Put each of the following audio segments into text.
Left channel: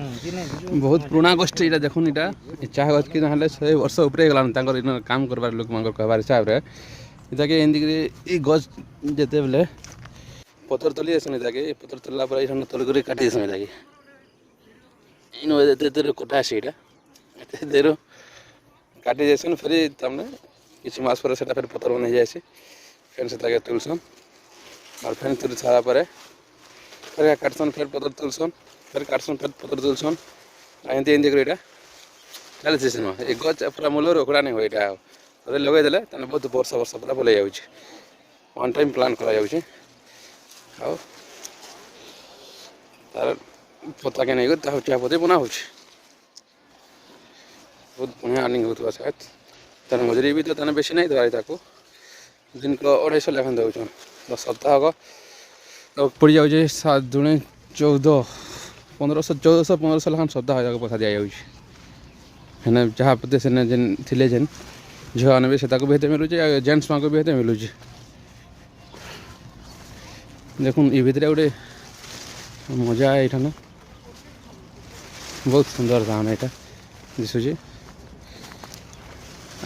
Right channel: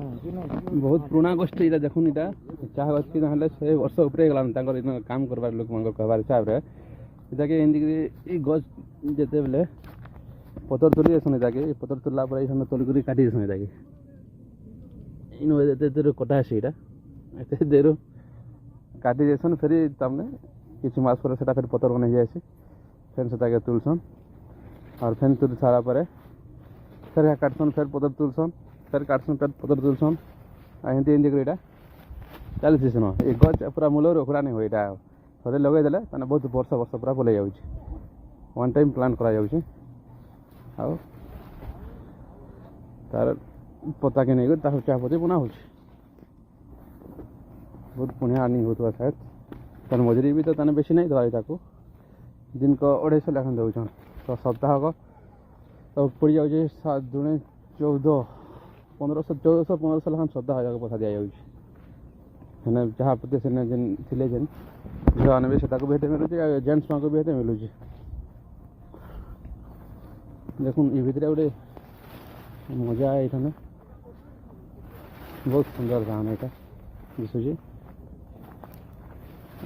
बहुत पुराना गोष्ठी इटा देखुन इटा चाह गछ कि नहले 100 वर्ष ऊपर गलान तांकर इन काम करबार लोक मांगर कहबार हिसाब रे इताके एंदी ई गछ जेते बेले पतर तुली एसन इताके पतर तुलला पर इसन तुल करी काटी एसन इताके इन एते कटा से इटा एते देरो काटी जेसन फेरी तमने किछि मास पर सेटा फेर पतर बनै जायसे फेर से ताके तुलसन और फेर तुल सारा पर फेर काटसन फेर पतर तुलसन फेर काटसन फेर पतर तुलसन एंती एंती करी इटा चलछि सेनो ए गछ पूरा मूलर उखड़ा नहीं हो इटा थोड़े लगे देले तने बहुत वर्ष वर्ष पूरा बोले जाउछि वन टाइम प्लान करा जाउछि आउ तार पता के नहीं ता चाय पत्ती बना होछि बहुत बढ़िया अर्निंग होतबा शायद तन मजूरी भी तो तने बेसी नहीं दवाई ताको दिन को 250 लेखन दउछन तो सप्ताह को पड़ जाउछि 7 दुणे 14 1500 लेखन सप्ताह जाक पैसा दिया जाउछि हेने जहाँ पते सेने जेन थिले जेन झियो आने से ताको बेहते मिलुछि जेंट्स माको बेहते मिलुछि देखुन ई भितरे गोटे मजा है एठान बहुत सुंदर दान एटा दिसुछि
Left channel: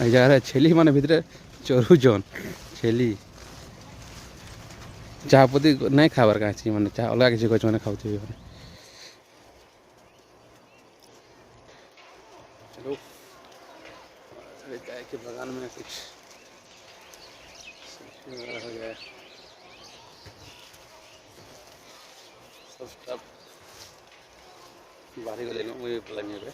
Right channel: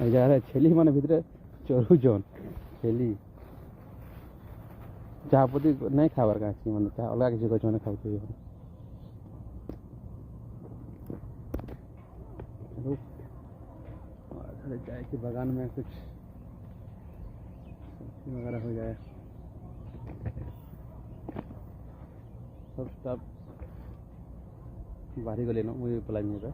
आई जगह छेली माने भितरे चरुजन छेली चाह पत्ती नहीं खाबार काछि माने चाह अलग किसी गछ माने खाउथे चलो चाय के बागान में कुछ वगैरह हो जाए सब स्टाफ बाहरी को ले लो मुझे प्लान पे